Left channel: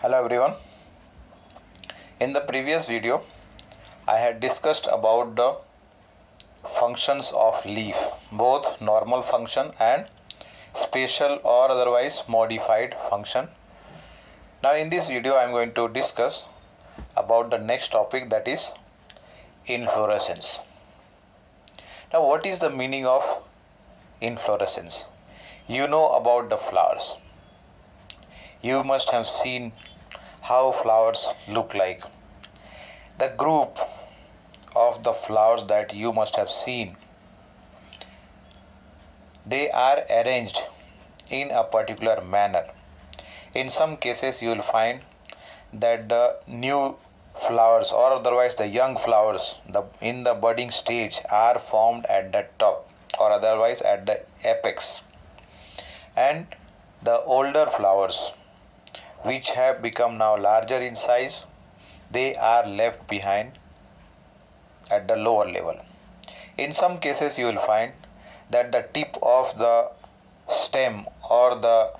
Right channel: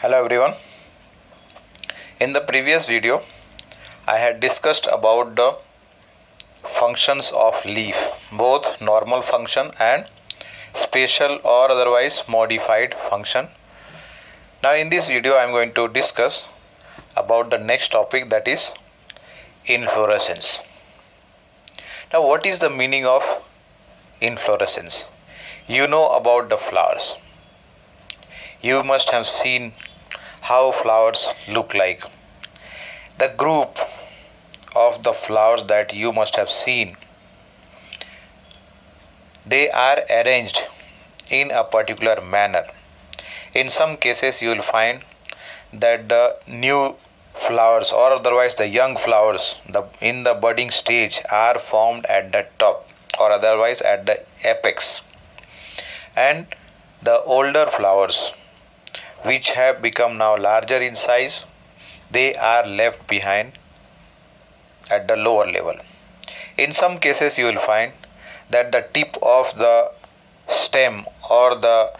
Hello everyone. In the previous video, I had discussed about the functions of leaf, both normal function and special or otherwise modified function. Now in this video, I am going to discuss about the next topic, that is inflorescence. Now what is the meaning of inflorescence? You know about the flowers. You must have seen how flowers look like. The group of the flowers that you must have seen, they are arranged in a particular manner. In some cases you will find that the new flowers or otherwise the young flowers in the budding stage are formed at the top or otherwise at the apex, and the older flowers which have become now larger in size, they are left behind at the lower level. In some cases you will find that the tip of the stem or the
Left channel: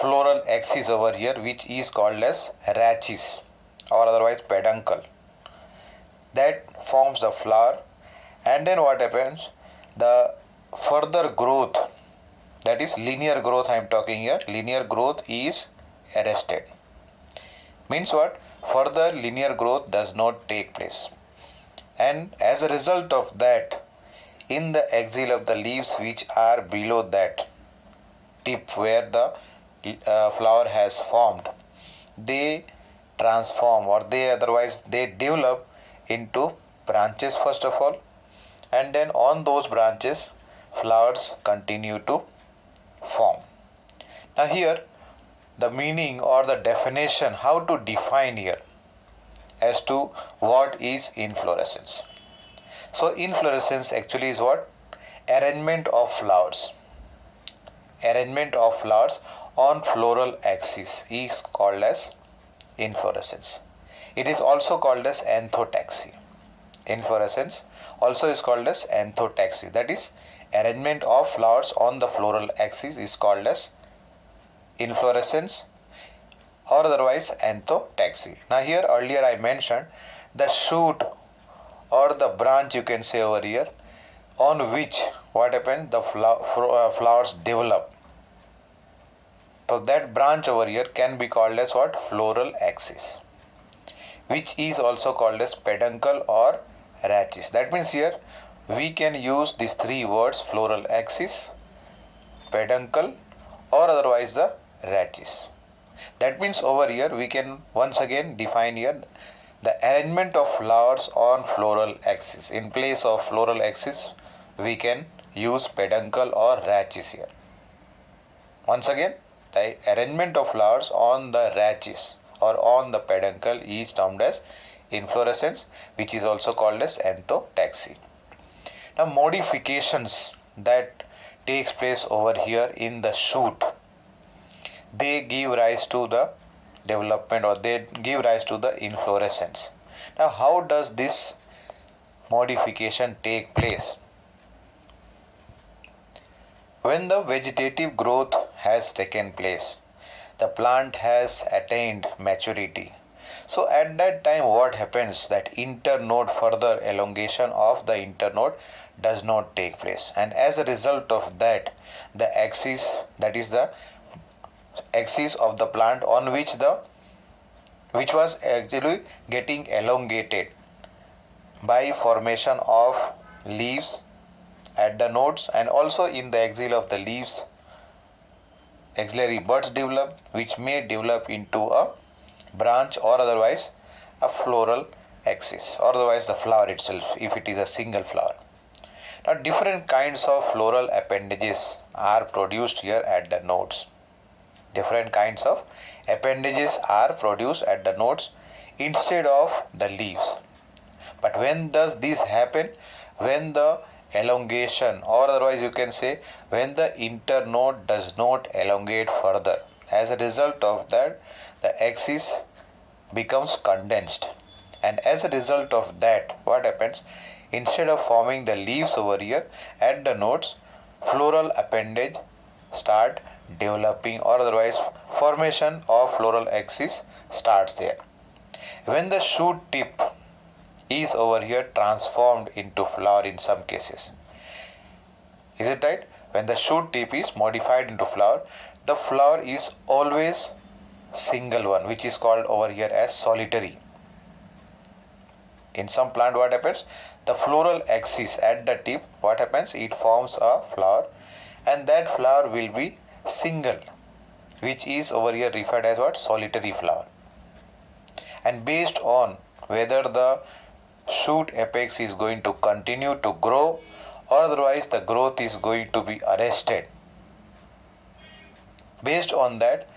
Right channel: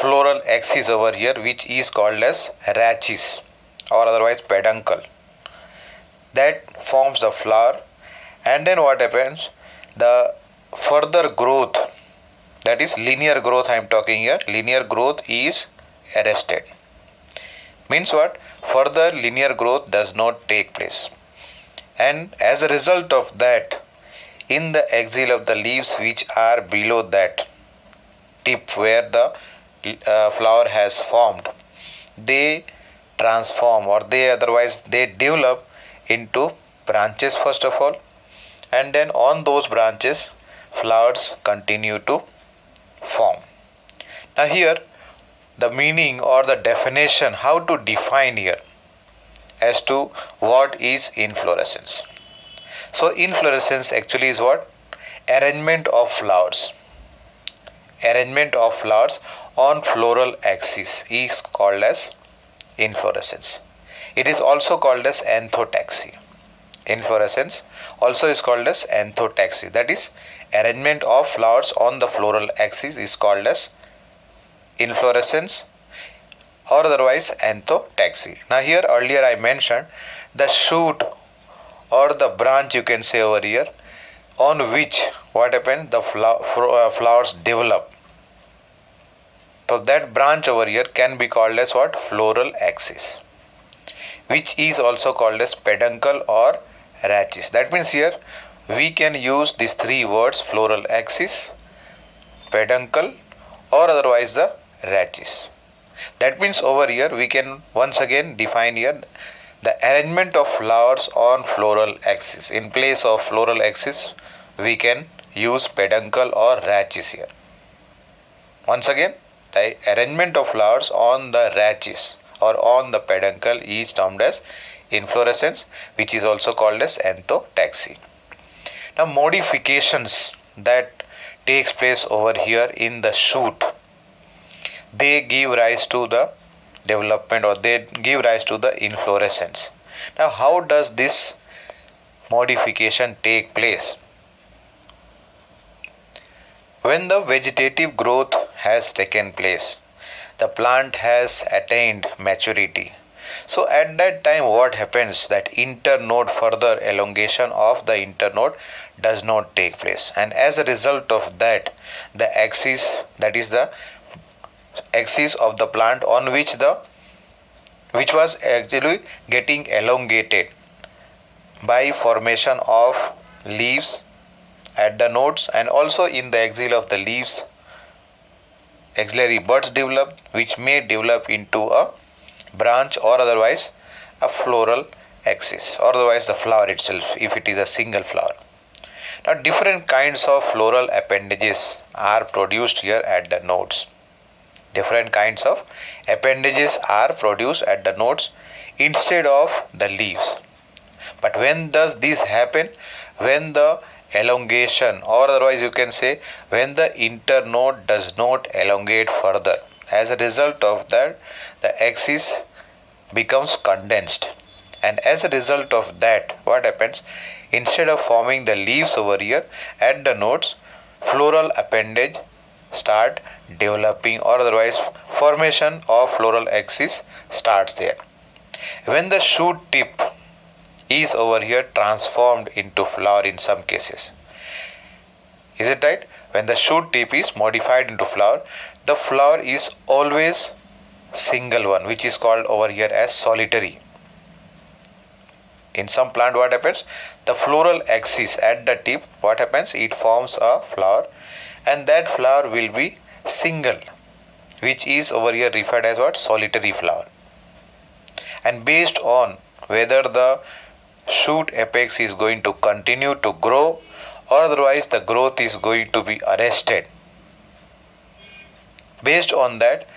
floral axis over here, which is called as rachis or otherwise peduncle, that forms the flower. And then what happens, the further growth, that is linear growth I am talking here, linear growth is arrested. Means what? Further linear growth does not take place, and as a result of that, in the axil of the leaves which are below that tip where the flower has formed, they transform or they develop into branches first of all, and then on those branches flowers continue to form. Now here the meaning or the definition, how to define here as to what is inflorescence. So inflorescence actually is what? Arrangement of flowers. Arrangement of flowers on floral axis is called as inflorescence. It is also called as anthotaxy. Inflorescence also is called as anthotaxy. That is, arrangement of flowers on the floral axis is called as inflorescence or otherwise anthotaxy. Now here earlier I mentioned the shoot or the branch, you can say over here, on which what happens, the flowers develop. So that branch over here can be called as what? Floral axis, which is also called as peduncle or rachis. That means here we can use these three words: floral axis, peduncle or otherwise the rachis. That means over here we can once again define here the arrangement of flowers on floral axis. In place of floral axis we can use peduncle or rachis here. Once again, the arrangement of flowers on the rachis or on the peduncle is termed as inflorescence, which is also called as anthotaxy. Now modifications that takes place over here in the shoot, they give rise to the development or they give rise to the inflorescence. Now how does this modification take place? When the vegetative growth has taken place, the plant has attained maturity. So at that time what happens, that internode, further elongation of the internode does not take place, and as a result of that, the axis, that is the axis of the plant on which was actually getting elongated by formation of leaves at the nodes, and also in the axil of the leaves axillary buds develop, which may develop into a branch or otherwise a floral axis or otherwise the flower itself if it is a single flower. Now different kinds of floral appendages are produced here at the nodes. Different kinds of appendages are produced at the nodes instead of the leaves. But when does this happen? When the elongation or otherwise you can say when the internode does not elongate further. As a result of that, the axis becomes condensed, and as a result of that, what happens, instead of forming the leaves over here at the nodes, floral appendage start developing, or otherwise formation of floral axis starts there. When the shoot tip is over here transformed into flower in some cases. Is it right? When the shoot tip is modified into flower, the flower is always single one, which is called over here as solitary. In some plant, what happens? The floral axis at the tip, what happens? It forms a flower, and that flower will be single, which is over here referred as what? Solitary flower. And based on whether the shoot apex is going to continue to grow or otherwise the growth is going to be arrested, based on that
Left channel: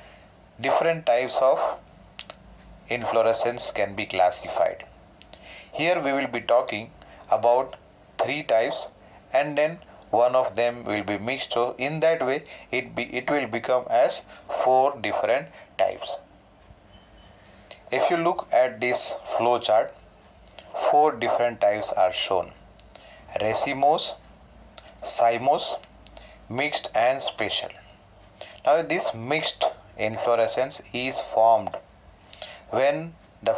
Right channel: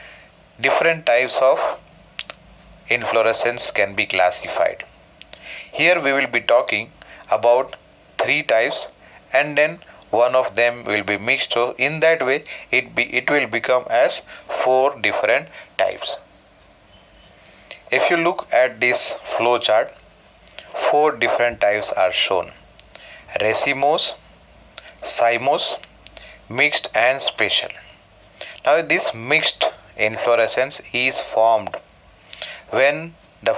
different types of inflorescence can be classified. Here we will be talking about 3 types, and then one of them will be mixed, so in that way it will become as 4 different types. If you look at this flow chart, 4 different types are shown: racemose, cymose, mixed and special. Now this mixed inflorescence is formed when the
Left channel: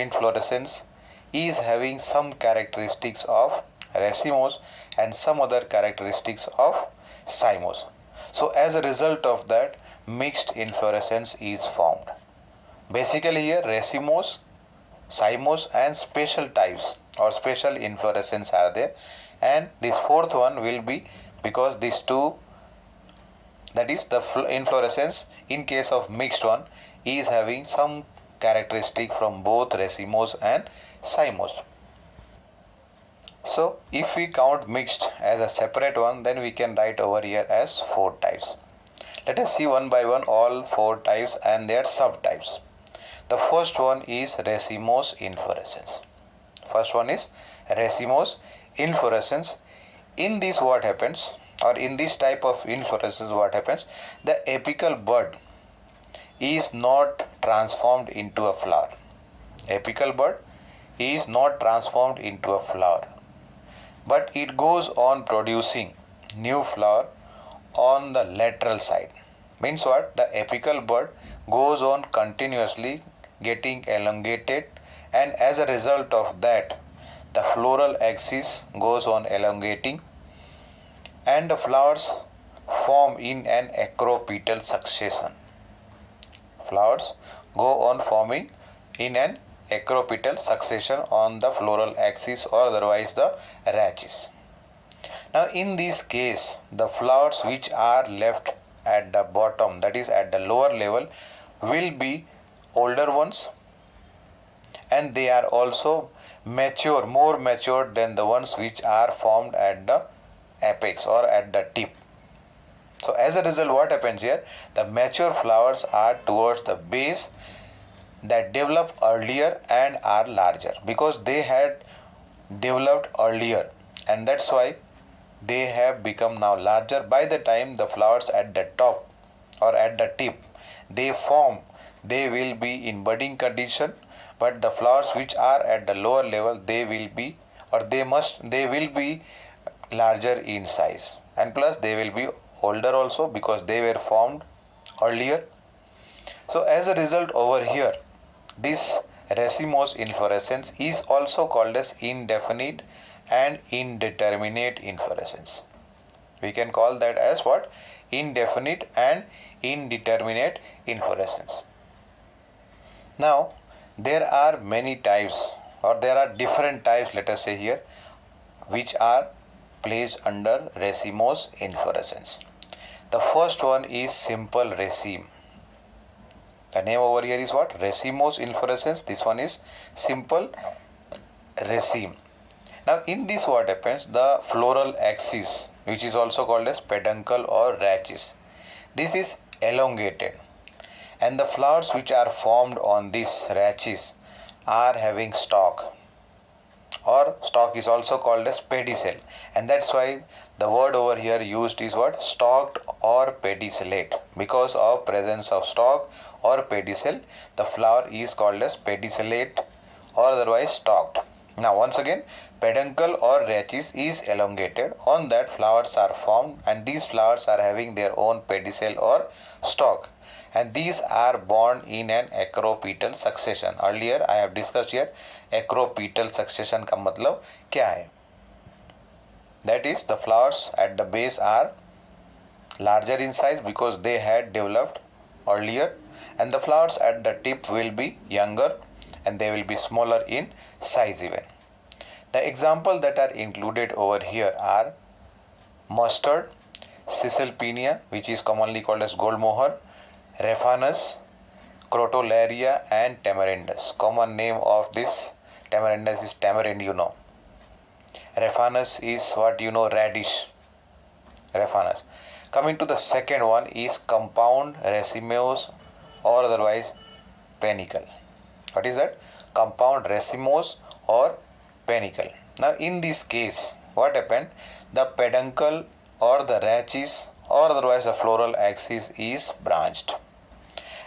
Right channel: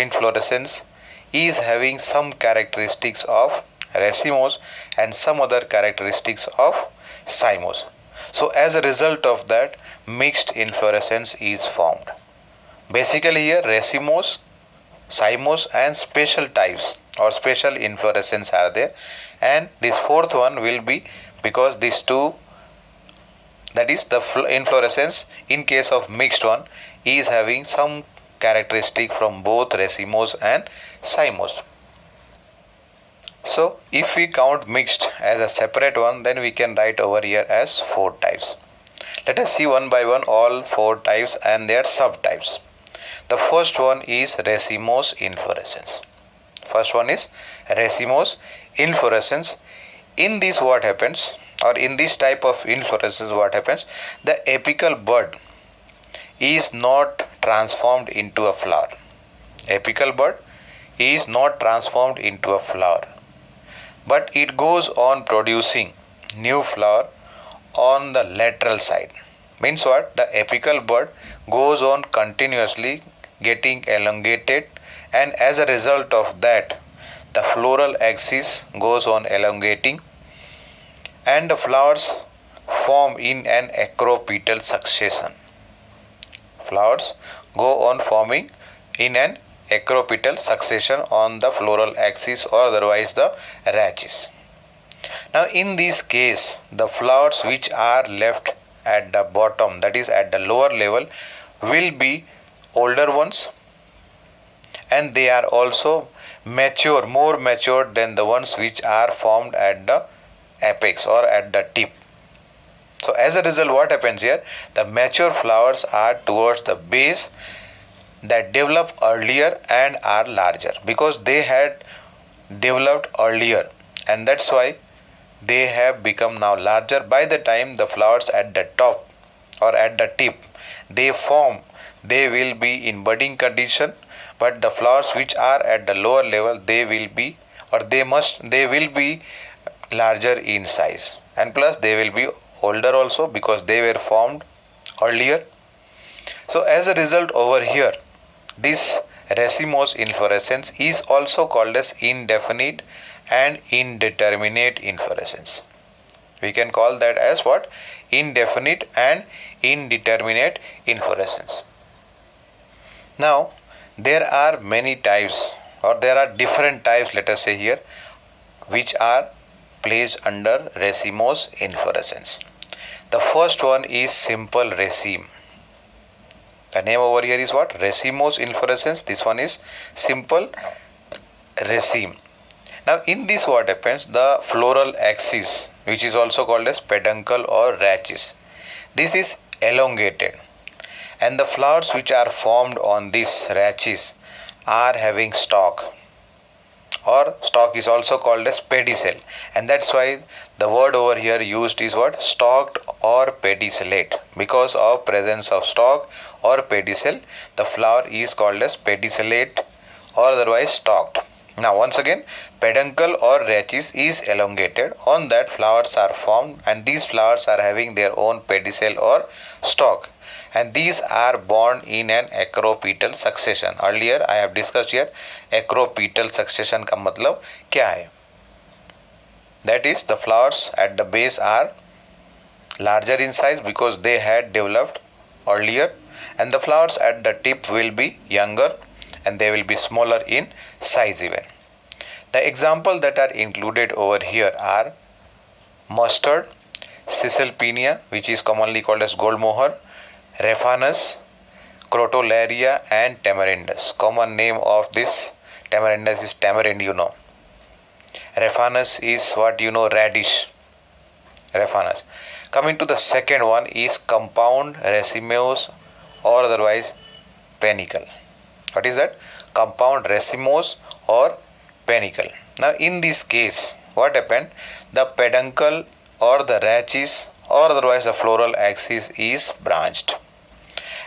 inflorescence is having some characteristics of racemose and some other characteristics of cymose. So as a result of that, mixed inflorescence is formed. Basically here racemose, cymose and special types or special inflorescence are there, and this 4th one will be because these 2, that is the inflorescence in case of mixed one is having some characteristic from both racemose and cymose. So if we count mixed as a separate one, then we can write over here as 4 types. Let us see one by one all 4 types and their subtypes. The first one is racemose inflorescence. First one is racemose inflorescence. In this what happens, or in this type of inflorescence what happens, the apical bud is not transformed into a flower. Apical bud is not transformed into a flower, but it goes on producing new flower on the lateral side. Means what? The apical bud goes on continuously getting elongated, and as a result of that the floral axis goes on elongating and the flowers form in an acropetal succession. Flowers go on forming in an acropetal succession on the floral axis or otherwise the rachis. Now in this case, the flowers which are left at the bottom, that is at the lower level, will be older ones, and they are also mature, more mature than the ones which are formed at the apex or at the tip. So as a result, what happens here? The mature flowers are towards the base, that develop earlier and are larger because they had developed earlier, and that's why they have become now larger. By the time the flowers at the top or at the tip they form, they will be in budding condition, but the flowers which are at the lower level, they will be larger in size, and plus they will be older also because they were formed earlier. So as a result over here, this racemose inflorescence is also called as indefinite and indeterminate inflorescence. We can call that as what? Indefinite and indeterminate inflorescence. Now there are many types, or there are different types, let us say here, which are placed under racemose inflorescence. The first one is simple raceme. The name over here is what? Racemose inflorescence. This one is simple raceme. Now in this what happens? The floral axis, which is also called as peduncle or rachis, this is elongated, and the flowers which are formed on this rachis are having stalk, or stalk is also called as pedicel, and that's why the word over here used is what? Stalked or pedicellate. Because of presence of stalk or pedicel, the flower is called as pedicellate or otherwise stalked. Now once again, peduncle or rachis is elongated. On that flowers are formed, and these flowers are having their own pedicel or stalk, and these are borne in an acropetal succession. Earlier I have discussed here acropetal succession का मतलब क्या है. That is, the flowers at the base are larger in size because they had developed earlier, and the flowers at the tip will be younger and they will be smaller in size even. The examples that are included over here are mustard, Caesalpinia, which is commonly called as gold mohair, Raphanus, Crotalaria, and Tamarindus. Common name of this Tamarindus is tamarind, Raphanus is what radish. Raphanus. Coming to the second one is compound racemose or otherwise panicle. What is that? Compound racemose or panicle. Now in this case, what happened? The peduncle or the rachis or otherwise the floral axis is branched,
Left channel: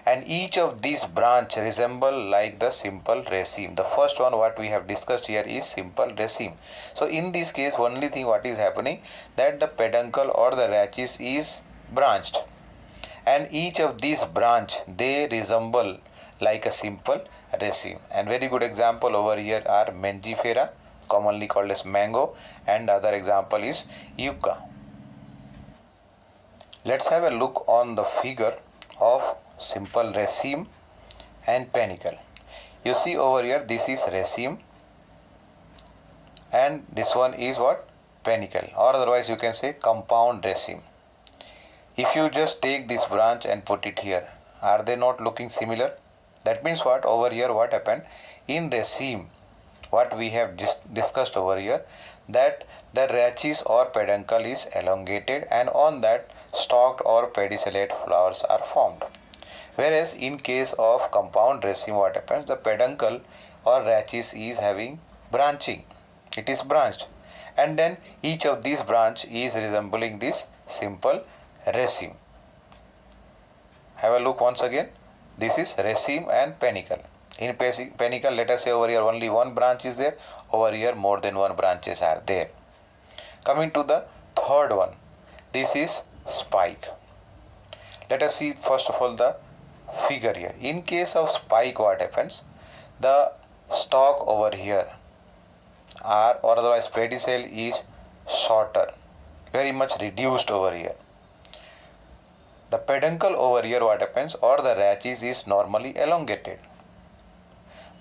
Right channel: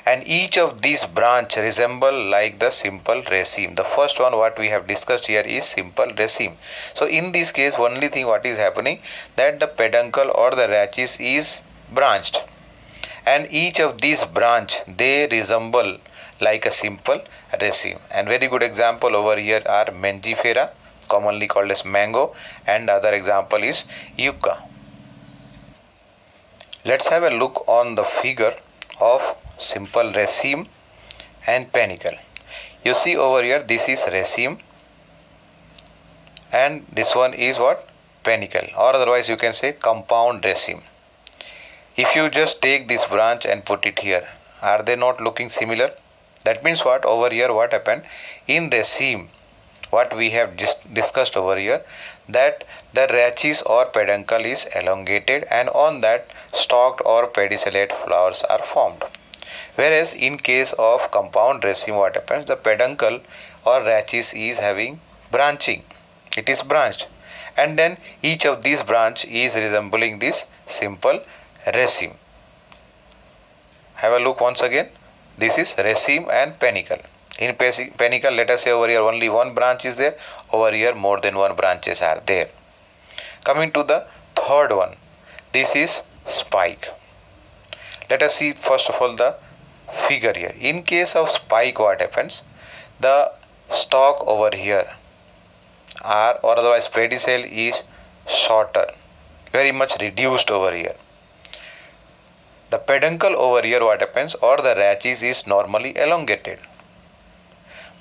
and each of these branch resemble like the simple raceme. The first one what we have discussed here is simple raceme. So in this case, only thing what is happening, that the peduncle or the rachis is branched, and each of these branch they resemble like a simple raceme. And very good example over here are Mangifera, commonly called as mango, and other example is yucca. Let's have a look on the figure of simple raceme and panicle. You see over here, this is raceme and this one is what? Panicle, or otherwise you can say compound raceme. If you just take this branch and put it here, are they not looking similar? That means what? Over here what happened? In raceme, what we have just discussed over here, that the rachis or peduncle is elongated, and on that stalked or pedicellate flowers are formed. Whereas in case of compound raceme, what happens? The peduncle or rachis is having branching. It is branched, and then each of these branch is resembling this simple raceme. Have a look once again. This is raceme and panicle. In panicle, let us say over here only one branch is there. Over here more than one branches are there. Coming to the third one, this is spike. Let us see first of all the figure here. In case of spike, what happens? The stalk over here are, or otherwise pedicel is shorter, very much reduced over here. The peduncle over here, what happens? Or the rachis is normally elongated.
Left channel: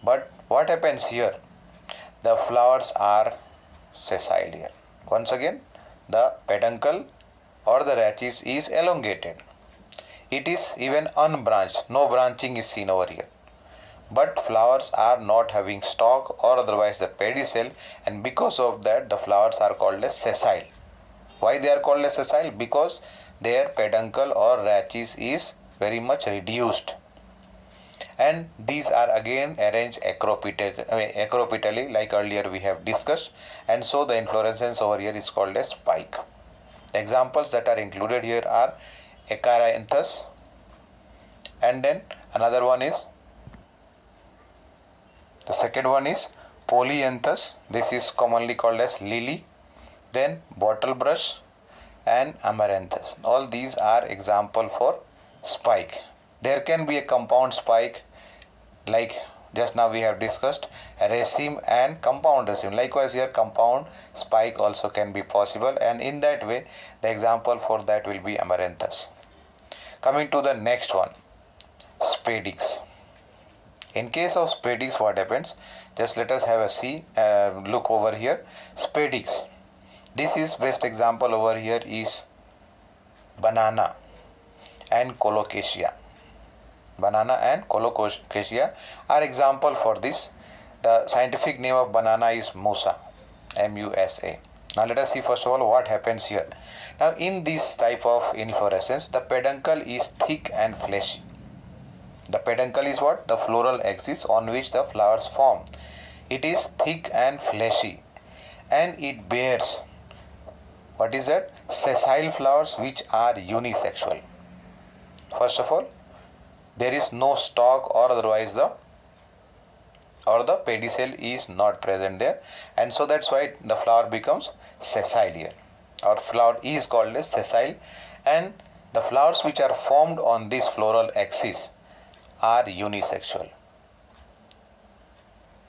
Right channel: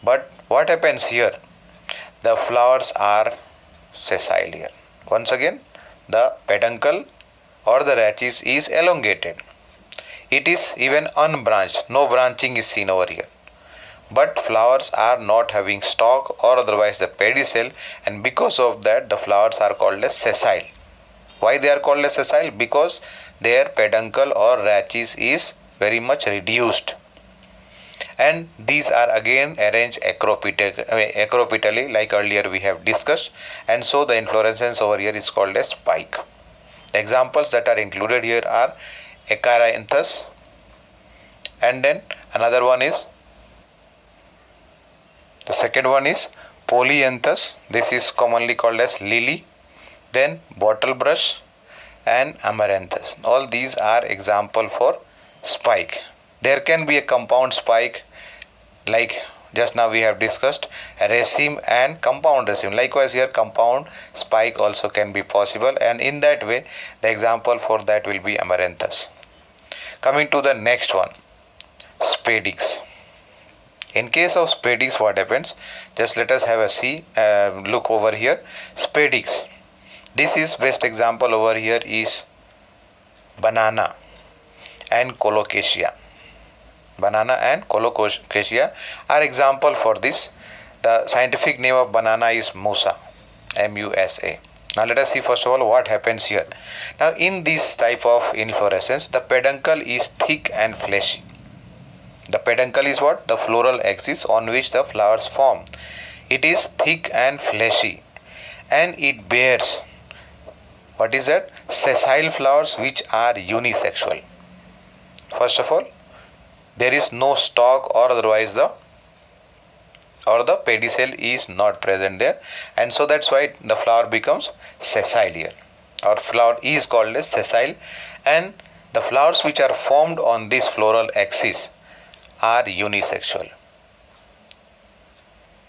But what happens here? The flowers are sessile here. Once again, the peduncle or the rachis is elongated. It is even unbranched. No branching is seen over here. But flowers are not having stalk or otherwise the pedicel, and because of that the flowers are called as sessile. Why they are called as sessile? Because their peduncle or rachis is very much reduced, and these are again arranged acropitally like earlier we have discussed, and so the inflorescence over here is called as spike. Examples that are included here are Acaranthus, and then another one is, the second one is Polyanthus. This is commonly called as lily. Then bottlebrush and Amaranthus. All these are example for spike. There can be a compound spike like just now we have discussed raceme and compound raceme. Likewise here compound spike also can be possible, and in that way the example for that will be Amaranthus. Coming to the next one, spadix. In case of spadix, what happens? Just let us have a look over here. Spadix. This is best example over here is banana and colocasia. Banana and colocasia are example for this. The scientific name of banana is Musa, M-U-S-A. Now let us see first of all what happens here. Now in this type of inflorescence, the peduncle is thick and fleshy. The peduncle is what? The floral axis on which the flowers form. It is thick and fleshy, and it bears, what is that? Sessile flowers which are unisexual. First of all, there is no stalk or otherwise the or the pedicel is not present there, and so that's why the flower becomes sessile here, or flower is called as sessile. And the flowers which are formed on this floral axis are unisexual.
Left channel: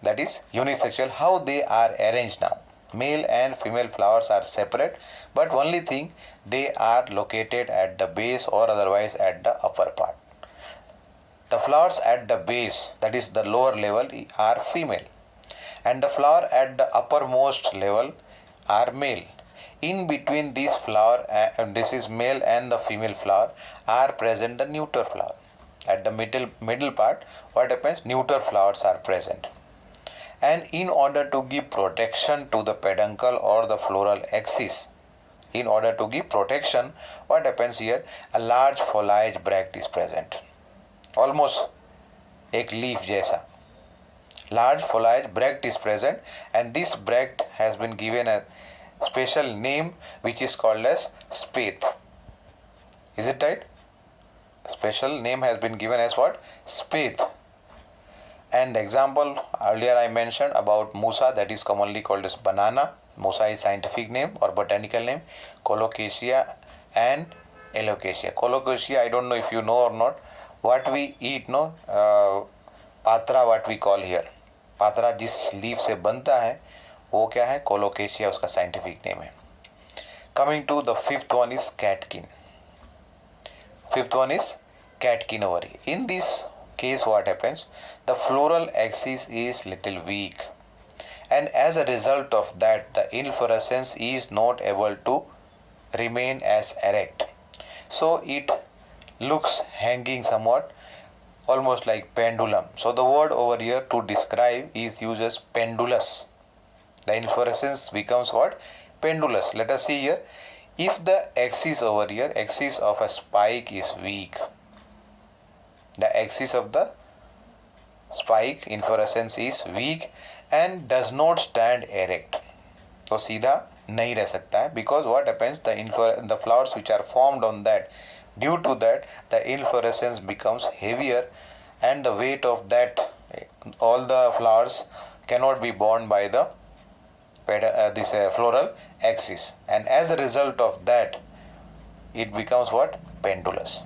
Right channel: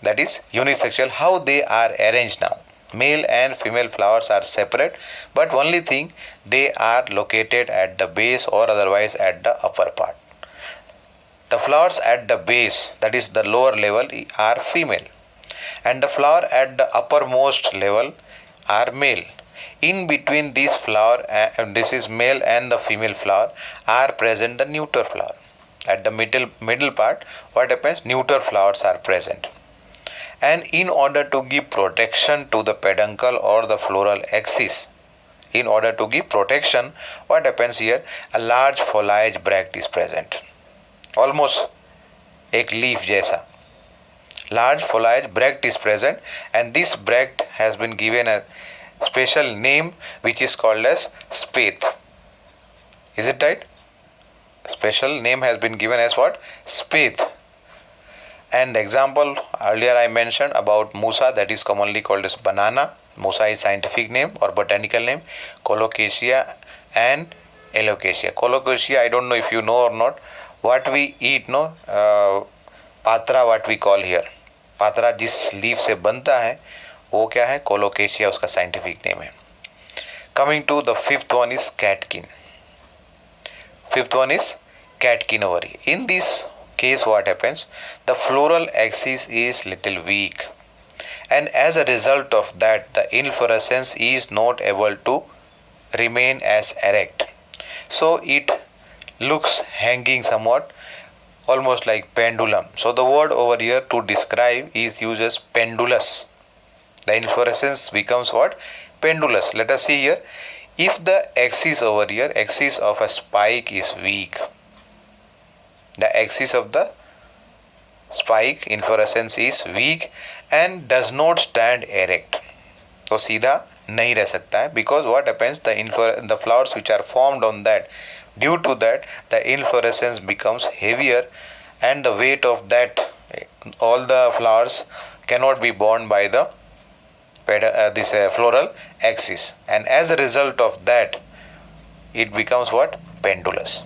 That is unisexual. How they are arranged now? Male and female flowers are separate, but only thing, they are located at the base or otherwise at the upper part. The flowers at the base, that is the lower level, are female, and the flower at the uppermost level are male. In between this flower, this is male and the female flower, are present the neuter flower. At the middle part, what happens? Neuter flowers are present. And in order to give protection to the peduncle or the floral axis, in order to give protection, what happens here? A large foliage bract is present, almost एक leaf जैसा. Large foliage bract is present, and this bract has been given a special name which is called as spathe. Is it right? Special name has been given as what? Spathe. And example, earlier I mentioned about Musa, that is commonly called as banana. Musa is scientific name or botanical name. Colocasia and Alocasia. Colocasia, I don't know if you know or not. What we eat, no, patra, what we call here. Patra जिस leaf से बनता है वो क्या है? Colocasia उसका scientific name है. Coming to the fifth one is catkin. Fifth one is catkin over here. In this case, what happens? The floral axis is little weak, and as a result of that, the inflorescence is not able to remain as erect. So it looks hanging somewhat, almost like pendulum. So the word over here to describe is used as pendulous. The inflorescence becomes what? Pendulous. Let us see here. If the axis over here, axis of a spike is weak, the axis of the spike inflorescence is weak and does not stand erect, तो सीधा नहीं रह सकता है. Because what happens? The flowers which are formed on that, due to that, the inflorescence becomes heavier, and the weight of that, all the flowers cannot be borne by the this floral axis, and as a result of that, it becomes what? Pendulous.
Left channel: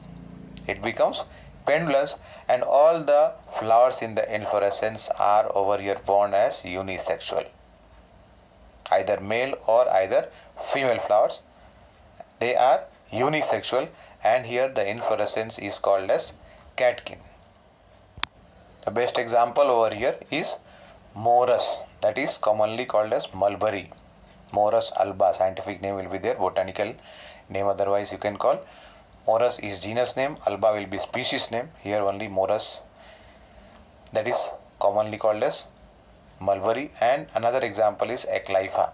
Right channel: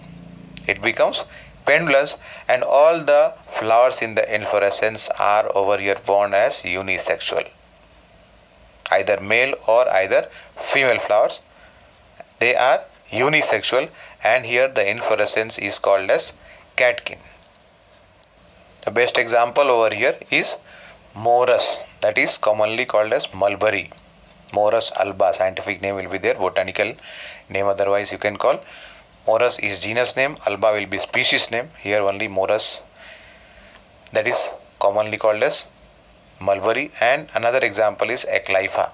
It becomes pendulous, and all the flowers in the inflorescence are over here born as unisexual, either male or either female flowers. They are unisexual, and here the inflorescence is called as catkin. The best example over here is Morus, that is commonly called as mulberry. Morus alba, scientific name will be there, botanical name otherwise you can call. Morus is genus name, alba will be species name. Here only Morus, that is commonly called as mulberry. And another example is Eclypha.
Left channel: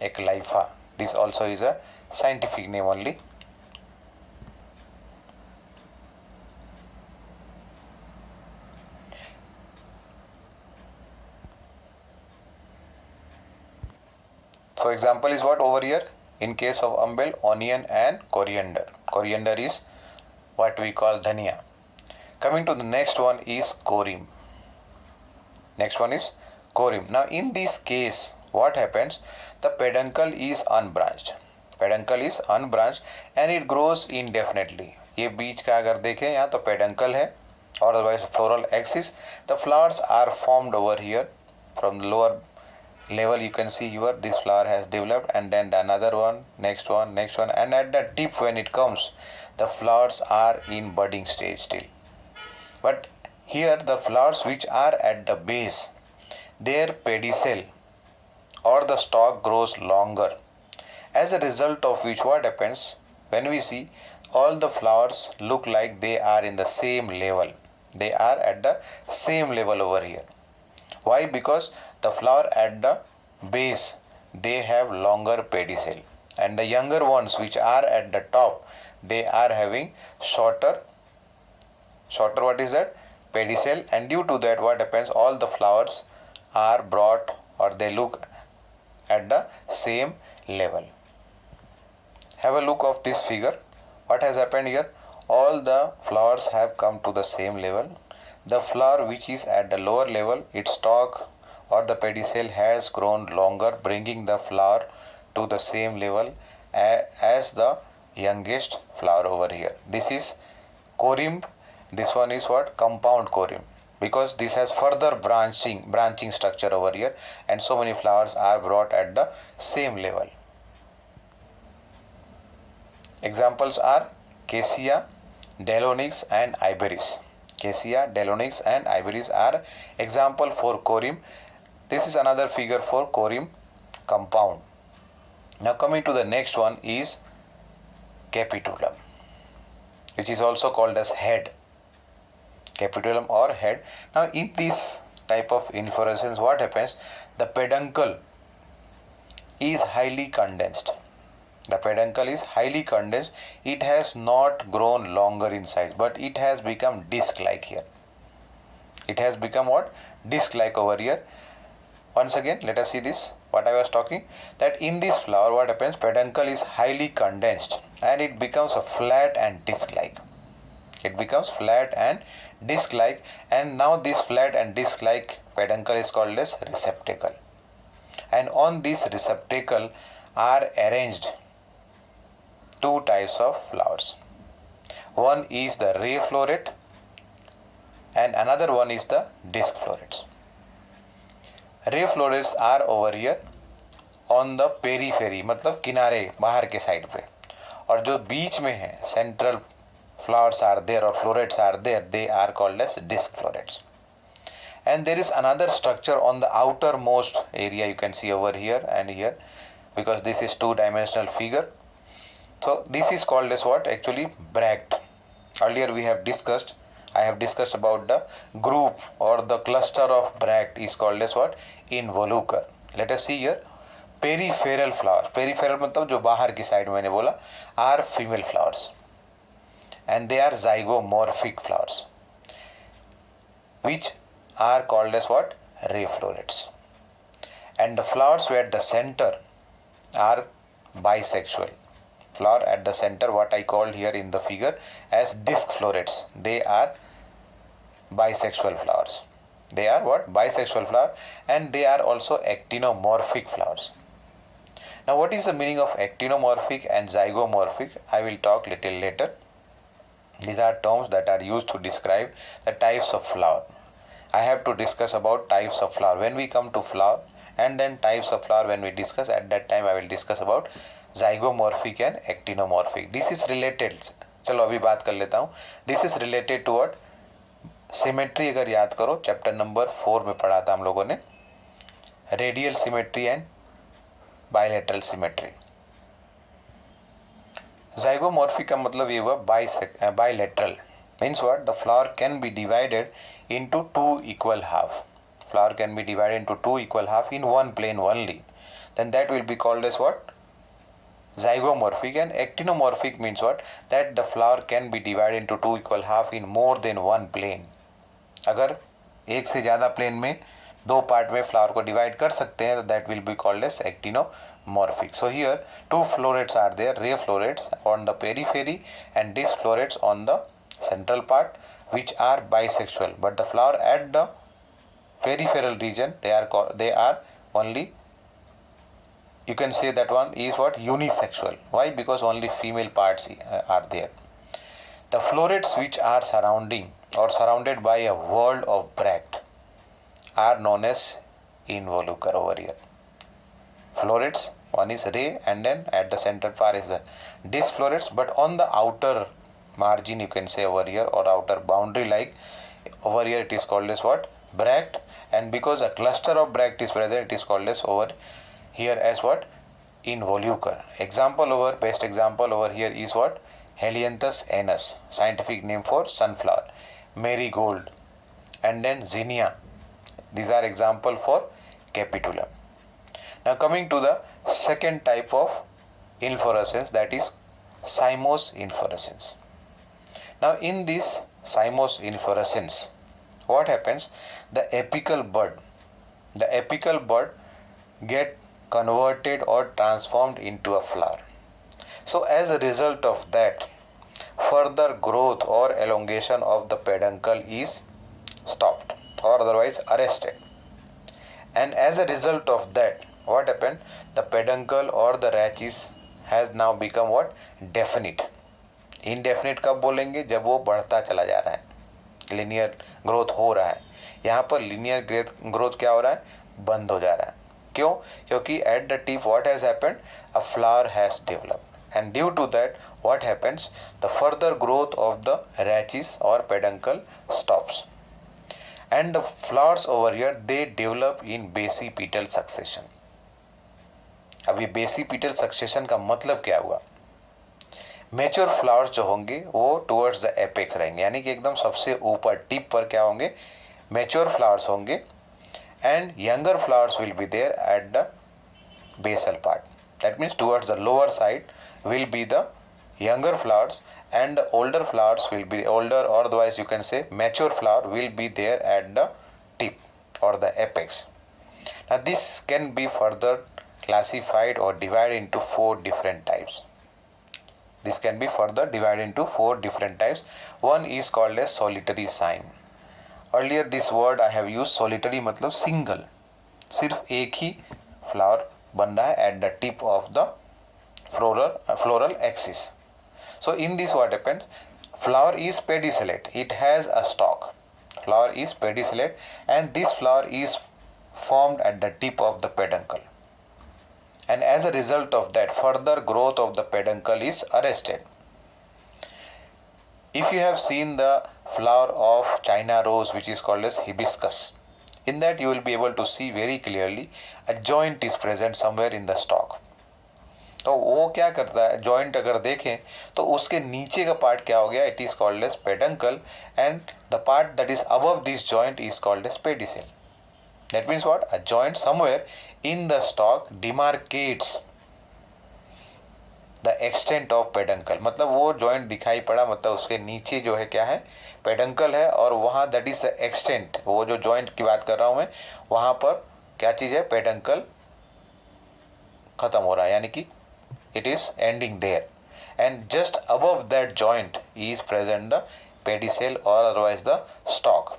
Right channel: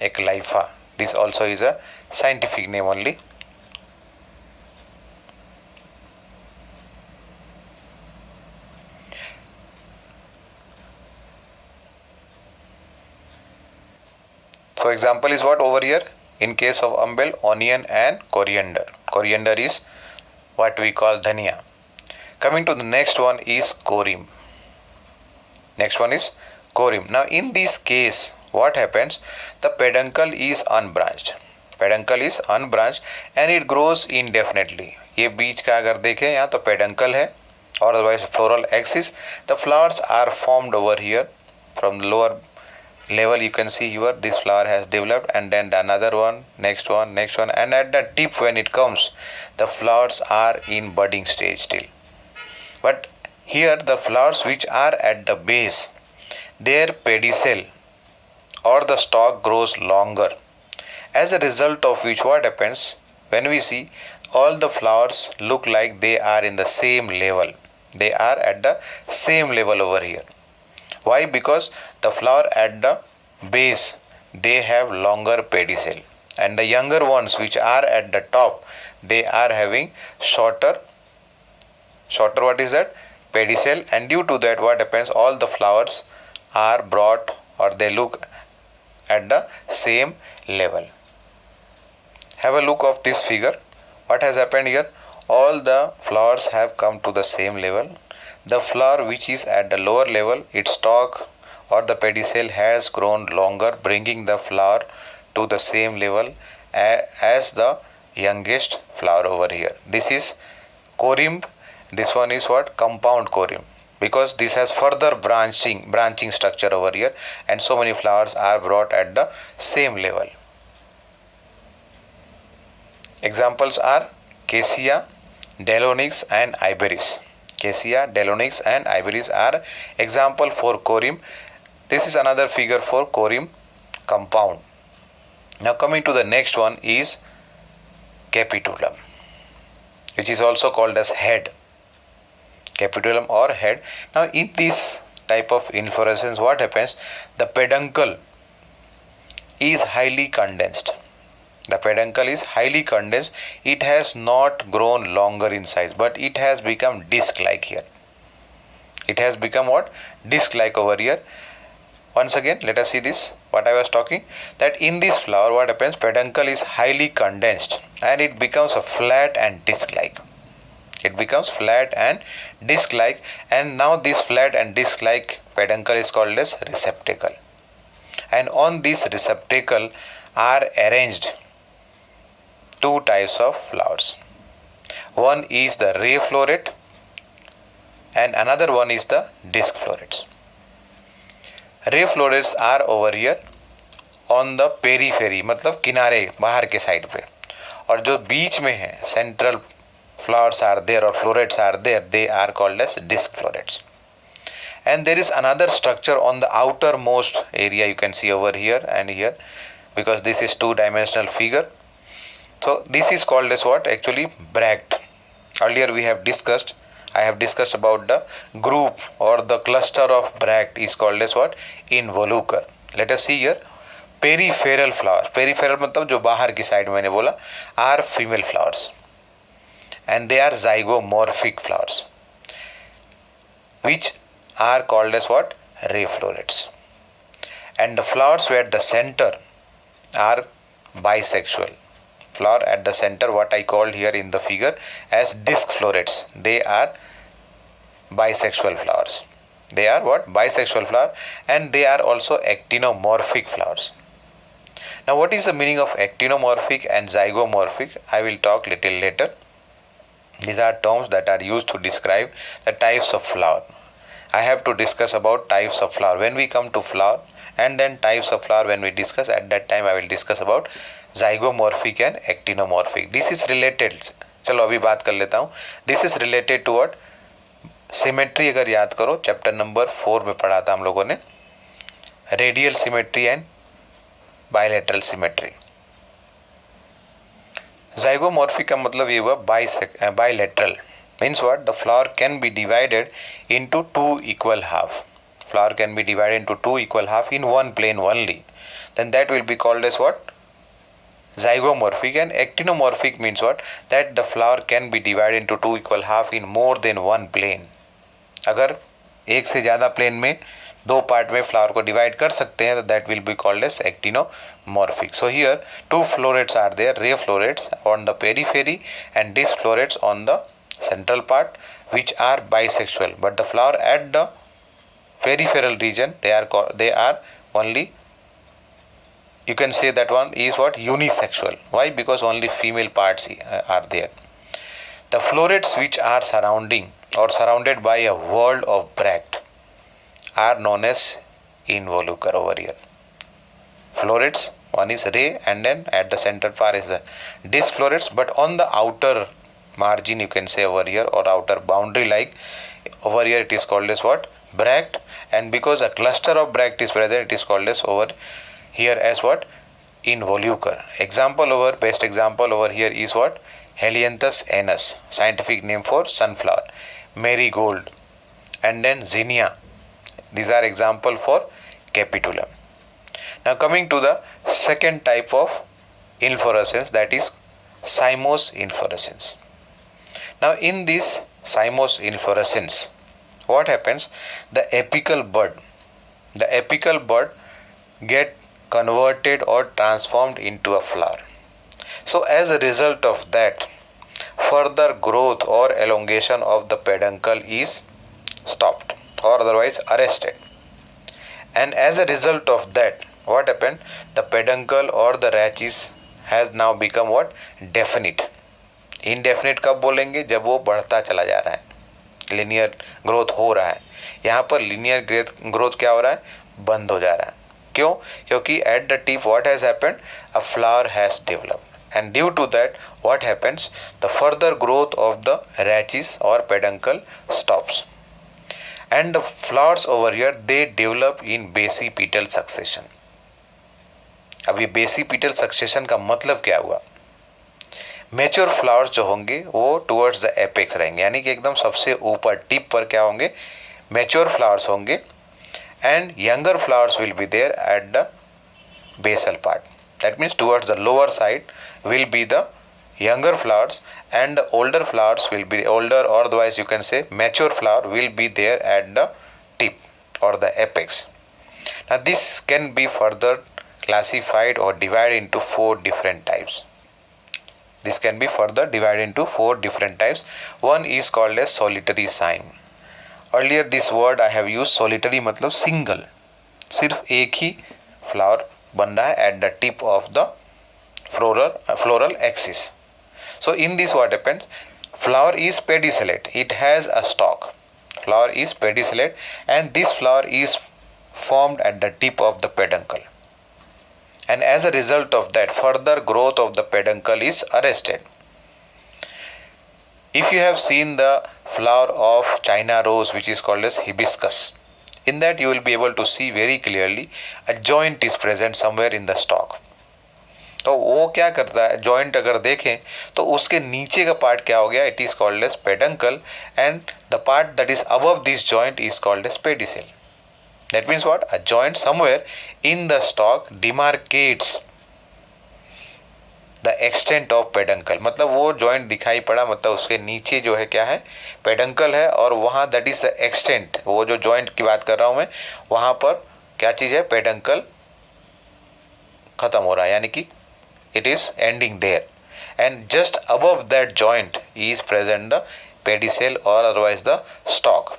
Eclypha, this also is a scientific name only. So example is what over here? In case of umbel, onion and coriander. Coriander is what we call dhania. Coming to the next one is corymbs. Next one is corymbs. Now in this case, what happens? The peduncle is unbranched. Peduncle is unbranched and it grows indefinitely. ये बीच का अगर देखें यहाँ तो peduncle है or otherwise floral axis. The flowers are formed over here from the lower level. You can see here this flower has developed, and then another one, next one, next one, and at the tip when it comes, the flowers are in budding stage still. But here the flowers which are at the base, their pedicel or the stalk grows longer, as a result of which what happens? When we see, all the flowers look like they are in the same level. They are at the same level over here. Why? Because the flower at the base, they have longer pedicel, and the younger ones which are at the top, they are having shorter what is that? Pedicel, and due to that what happens? All the flowers are brought, or they look at the same level. Have a look of this figure. What has happened here? All the flowers have come to the same level. The flower which is at the lower level, its stalk or the pedicel has grown longer, bringing the flower to the same level as the youngest flower over here. This is corymb. This one is what? Compound corymb, because this has further branching structure over here, and so many flowers are brought at the same level. Examples are Cassia, Deinonyx and Iberis. Cassia, Deinonyx and Iberis are example for corymb. This is another figure for corymb compound. Now coming to the next one is capitulum, which is also called as head. Capitulum or head. Now in this type of inflorescence, what happens? The peduncle is highly condensed. The peduncle is highly condensed. It has not grown longer in size, but it has become disc-like here. It has become what? Disc-like over here. Once again, let us see this. What I was talking, that in this flower, what happens? Peduncle is highly condensed and it becomes a flat and disc-like. It becomes flat and disc-like, and now this flat and disc-like peduncle is called as receptacle. And on this receptacle are arranged two types of flowers. One is the ray floret and another one is the disc florets. Ray florets are over here on the periphery, मतलब किनारे बाहर के side पे, और जो बीच में है central flowers are there or florets are there, they are called as disc florets. And there is another structure on the outermost area, you can see over here and here, because this is two-dimensional figure. So this is called as what? Actually bract. Earlier I have discussed about the group or the cluster of bract is called as what? Involucre. Let us see here. Peripheral flowers. Peripheral मतलब जो बाहर की side मैंने बोला, are female flowers. And they are zygomorphic flowers, which are called as what? Ray florets. And the flowers at the center are bisexual. Flower at the center, what I called here in the figure as disc florets, they are bisexual flowers. They are what? Bisexual flower, and they are also actinomorphic flowers. Now what is the meaning of actinomorphic and zygomorphic? I will talk little later. These are terms that are used to describe the types of flower. I have to discuss about types of flower when we come to flower, and then types of flower when we discuss. At that time I will discuss about zygomorphic and actinomorphic. This is related. चलो अभी बात कर लेता हूँ. This is related to what? Symmetry. अगर याद करो chapter number 4 में पढ़ा था हम लोगों ने, radial symmetry and bilateral symmetry. Zygomorphic का मतलब ये हुआ bilateral. Means what? The flower can be divided into two equal half. Flower can be divided into two equal half in one plane only. Then that will be called as what? Zygomorphic. And actinomorphic means what? That the flower can be divided into two equal half in more than one plane. अगर एक से ज़्यादा plane में दो part में flower को divide कर सकते हैं, तो that will be called as actinomorphic. So here two florets are there, ray florets on the periphery and disc florets on the central part, which are bisexual. But the flower at the peripheral region, they are only, you can say that one is what? Unisexual. Why? Because only female parts are there. The florets which are surrounded by a world of bract are known as involucre over here. Florets, one is ray, and then at the center part is the disc florets, but on the outer margin, you can say over here, or outer boundary, like over here, it is called as what? Bract. And because a cluster of bract is present, it is called as over here as what? Involucre. Best example over here is what? Helianthus anus, scientific name for sunflower, marigold, and then zinnia. These are example for capitulum. Now coming to the second type of inflorescence, that is cymose inflorescence. Now in this cymose inflorescence, what happens? The apical bud get converted or transformed into a flower. So as a result of that, further growth or elongation of the peduncle is stopped or otherwise arrested. And as a result of that, what happened? The peduncle or the rachis has now become what? Definite. Indefinite कब बोलेंगे? जब वो बढ़ता चला जा रहा है, linear growth हो रहा है. यहाँ पर लिनियर ग्रोथ क्या हो रहा है? बंद हो जा रहा है. क्यों? क्योंकि at the tip what has happened? A flower has developed, and due to that what happens? The further growth of the rachis or peduncle stops, and the flowers over here they develop in basipetal succession. अब ये basipetal succession का मतलब क्या हुआ? Mature flowers जो होंगे वो towards the apex रहेंगे, यानी कि एकदम सबसे ऊपर टिप पर क्या होंगे? मेच्योर फ्लावर्स होंगे, and younger flowers will be there at the basal part. That means towards the lower side will be the younger flowers, and the older flowers will be older, or otherwise you can say mature flower will be there at the tip or the apex. Now this can be further classified or divided into four different types. This can be further divided into four different types. One is called as solitary cyme. Earlier this word I have used solitary मतलब single, सिर्फ एक ही flower बन रहा है at the tip of the floral axis. So in this what happens? Flower is pedicellate. It has a stalk. Flower is pedicellate, and this flower is formed at the tip of the peduncle. And as a result of that, further growth of the peduncle is arrested. If you have seen the flower of China rose, which is called as hibiscus, in that you will be able to see very clearly a joint is present somewhere in the stalk. तो वो क्या करता है? Joint अगर देखें तो उसके नीचे का पार्ट क्या हो गया? It is called as peduncle, and the part that is above this joint is called as pedicel. That means what? A joint somewhere in the stalk demarcates the extent of peduncle. मतलब वो joint दिखाई पड़ा, मतलब उसके नीचे जो है क्या है? पेडंकल है, और वहाँ दैट इज द एक्सटेंट. वो जो जॉइंट की बात कर रहा हूँ मैं, वहाँ पर क्या चीज़ है? पेडंकल खत्म हो रहा है, यानी कि it is ending there, and just above that joint is present the pedicel or otherwise the stalk.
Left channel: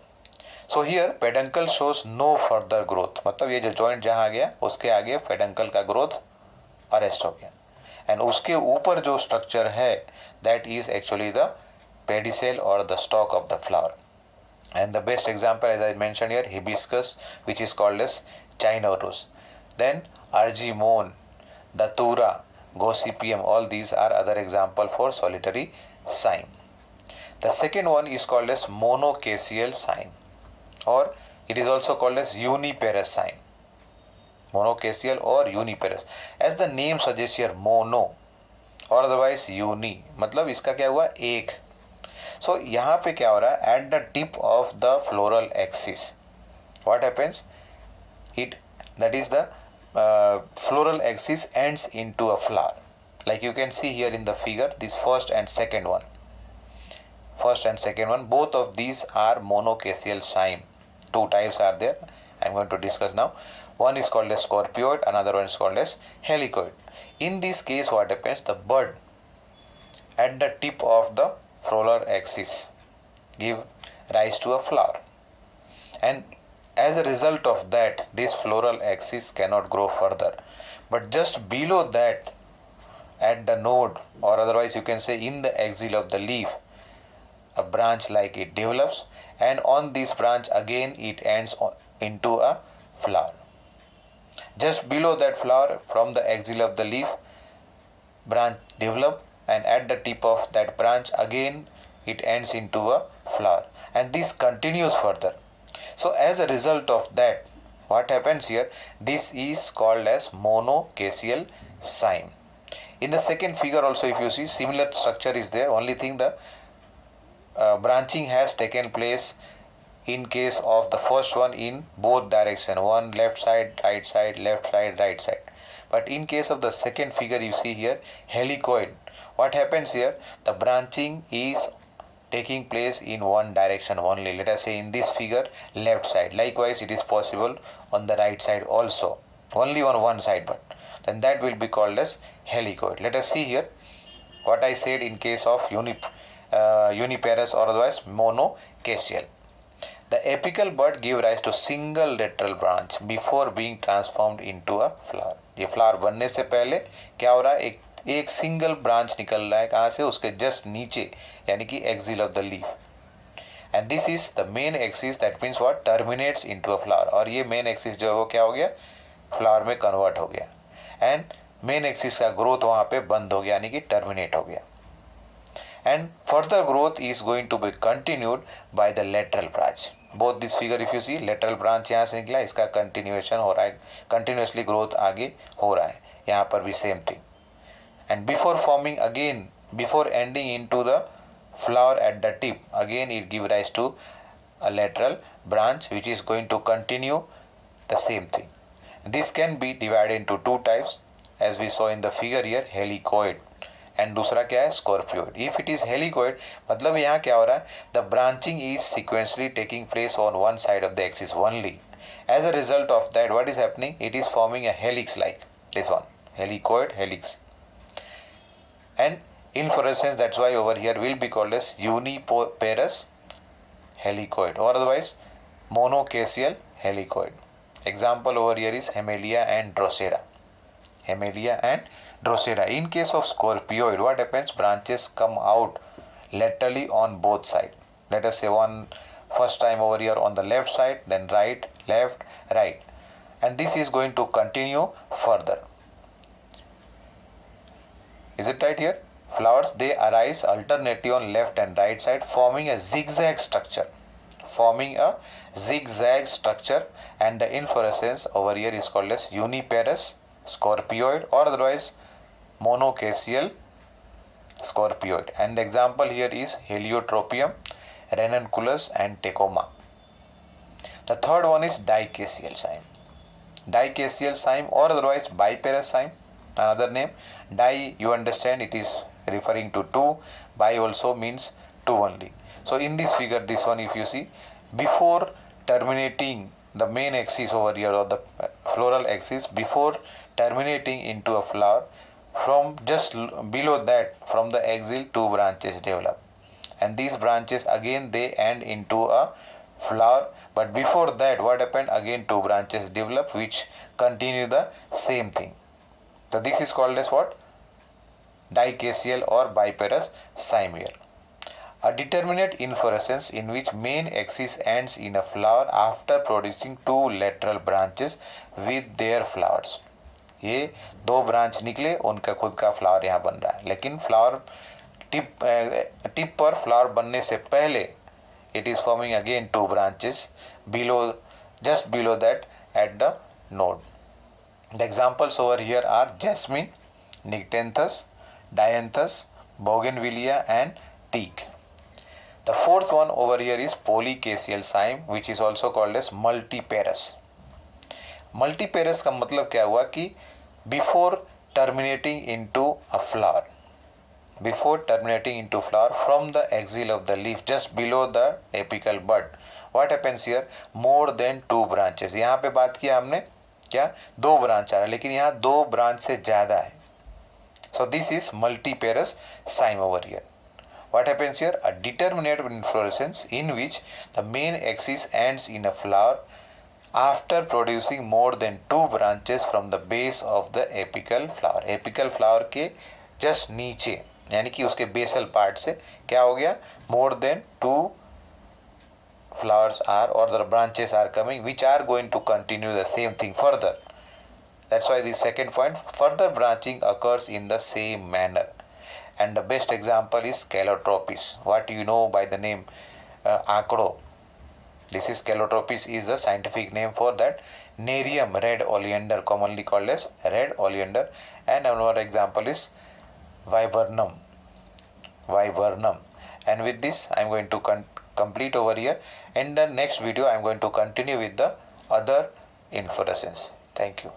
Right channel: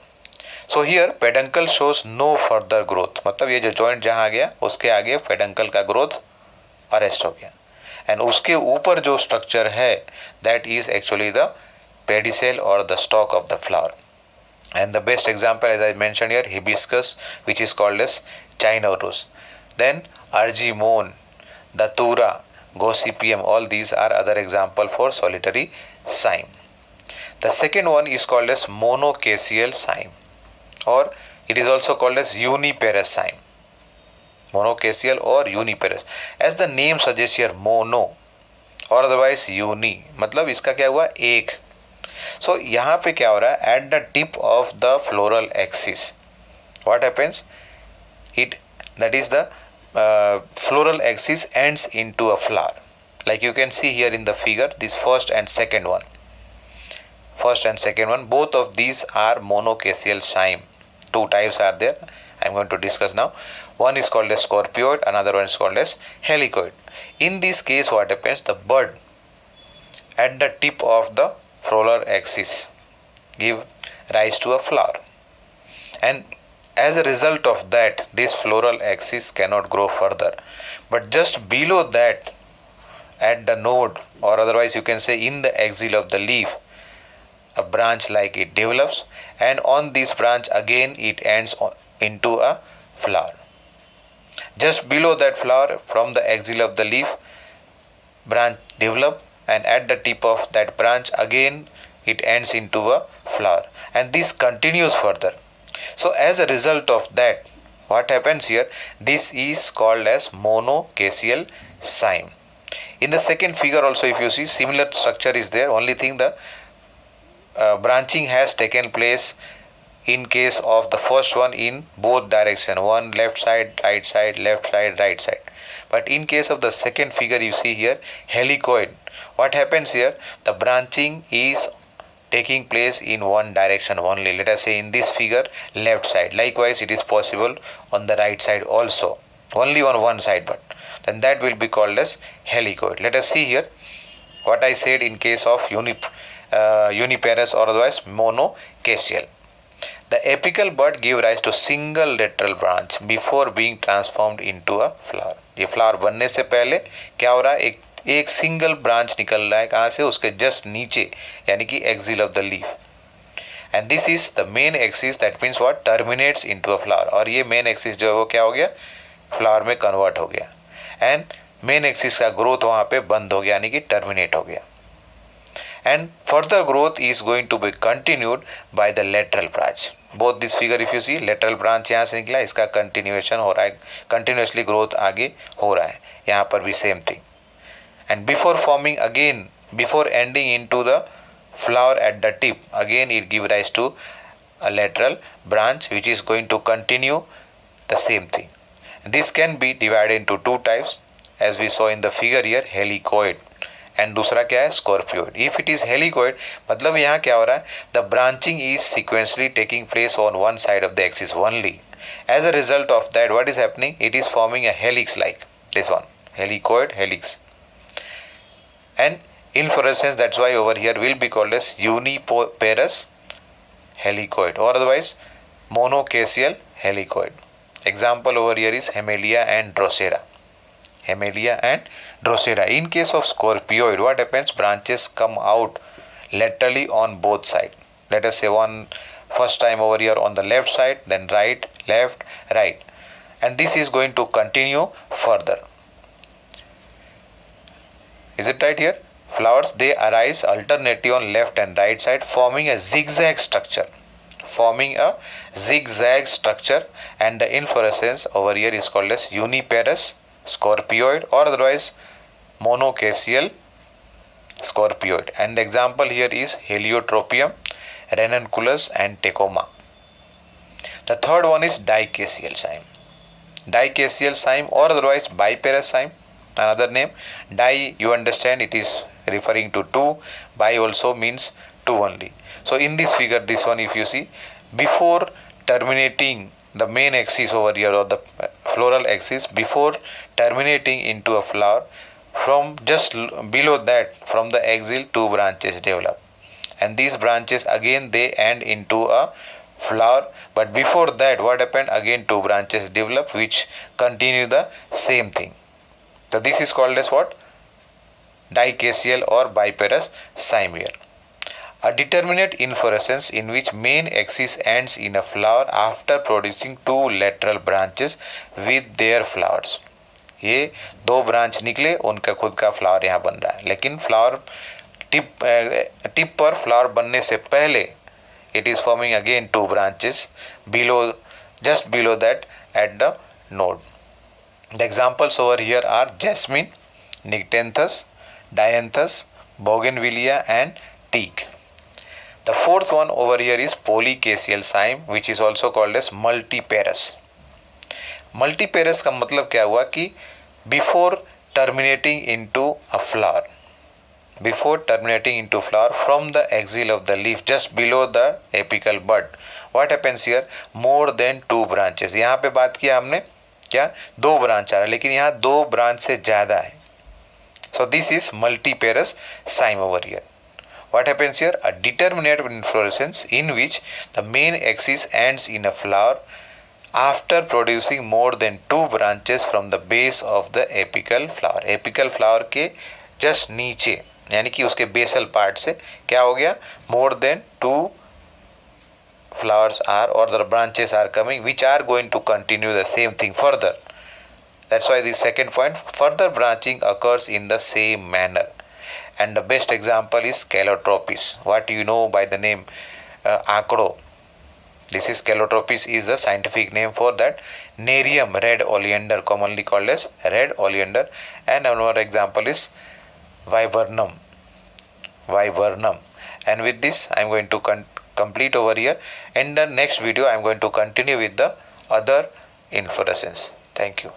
So here peduncle shows no further growth. मतलब ये जो joint जहाँ आ गया उसके आगे peduncle का growth arrest हो गया, and उसके ऊपर जो structure है that is actually the pedicel or the stalk of the flower. And the best example, as I mentioned here, hibiscus, which is called as China rose. Then argemone, datura, Gossypium, all these are other example for solitary cyme. The second one is called as monocaseal cyme, or it is also called as uniparous cyme. Monocaseal or uniparous. As the name suggests here, mono or otherwise uni, मतलब इसका क्या हुआ? एक. So यहाँ पे क्या हो रहा है? At the tip of the floral axis, what happens? That is the floral axis ends into a flower. Like you can see here in the figure, this first and second one, both of these are monocaseal cyme. Two types are there. I am going to discuss now. One is called as scorpioid, another one is called as helicoid. In this case what happens? The bud at the tip of the floral axis give rise to a flower, and as a result of that this floral axis cannot grow further, but just below that at the node, or otherwise you can say in the axil of the leaf, a branch like it develops, and on this branch again it ends into a flower. Just below that flower, from the axil of the leaf, branch develop, and at the tip of that branch again it ends into a flower, and this continues further. So as a result of that, what happens here? This is called as monocaseal cyme. In the second figure also, if you see, similar structure is there. Only thing, the branching has taken place in case of the first one in both direction, one left side, right side, left side, right side. But in case of the second figure, you see here helicoid, what happens here? The branching is taking place in one direction only. Let us say in this figure, left side. Likewise it is possible on the right side also, only on one side, but then that will be called as helicoid. Let us see here what I said in case of uniparous or otherwise monocaseal. The apical bud give rise to single lateral branch before being transformed into a flower. ये flower बनने से पहले क्या हो रहा है, एक single branch निकल रहा है कहाँ से, उसके जस्ट नीचे, यानी कि axil of the leaf. And this is the main axis, that means what, terminates into a flower. और ये मेन एक्सिस जो है वो क्या हो गया, फ्लावर में कन्वर्ट हो गया. एंड मेन एक्सिस का ग्रोथ वहाँ पे बंद हो गया, यानी कि टर्मिनेट हो गया. And further growth is going to be continued by the lateral branch. Both this figure if you see, lateral branch यहाँ से निकला, इसका continuation हो रहा है, continuously growth आगे हो रहा है. यहाँ पर भी same thing. And before forming again, before ending into the flower at the tip, again it give rise to a lateral branch which is going to continue the same thing. This can be divided into two types as we saw in the figure here, helicoid. And दूसरा क्या है, scorpioid. If it is helicoid, मतलब यहाँ क्या हो रहा है, the branching is sequentially taking place on one side of the axis only. As a result of that what is happening, it is forming a helix like this one, helicoid helix. And inflorescence, that's why over here will be called as uniparous helicoid or otherwise monocaseal helicoid. Example over here is Hamelia and Drosera. Hamelia and Drosera. In case of scorpioid, what happens? Branches come out laterally on both sides. Let us say one first time over here on the left side, then right, left, right. And this is going to continue further. Is it right here? Flowers, they arise alternately on left and right side, forming a zigzag structure. Forming a zigzag structure, and the inflorescence over here is called as uniparous scorpioid or otherwise monocaseal scorpioid. And the example here is Heliotropium, Ranunculus and Tecoma. The third one is dicaseal cyme. Dicaseal cyme or otherwise biparous cyme, another name. Di, you understand, it is referring to two. Bi also means two only. So in this figure, this one if you see, before terminating the main axis over here or the floral axis, before terminating into a flower, from just below that, from the axil, two branches develop, and these branches again they end into a flower. But before that, what happened, again two branches develop which continue the same thing. So this is called as what, dicaseal or biparous cyme here. A determinate inflorescence in which main axis ends in a flower after producing two lateral branches with their flowers. ये दो branch निकले, उनका खुद का flower यहाँ बन रहा है, लेकिन फ्लावर टिप पर फ्लावर बनने से पहले it is forming again two branches below, just below that at the node. The examples over here are jasmine, nyctanthus, dianthus, bougainvillea and teak. The fourth one over here is polycaseal cyme, which is also called as multiparous. Multiparous का मतलब क्या हुआ कि before terminating into a flower, before terminating into flower from the axil of the leaf just below the apical bud, what happens here, more than two branches. यहाँ पे बात किया हमने क्या, दो ब्रांच आ रहा है, लेकिन यहाँ दो ब्रांच से ज़्यादा है. So this is multiparous cyme over here. What happens here? A determinate inflorescence in which the main axis ends in a flower after producing more than two branches from the base of the apical flower. Apical flower के just नीचे, यानी कि उसके basal part से क्या हो गया, more than two flowers are or the branches are coming which are going to continue the same thing further. That's why the second point, further branching occurs in the same manner. And the best example is Calotropis. What you know by the name Acro. This is Calotropis is the scientific name for that. Nerium, red oleander, commonly called as red oleander. And another example is Viburnum. Viburnum. And with this, I am going to complete over here. In the next video, I am going to continue with the other inflorescence. Thank you.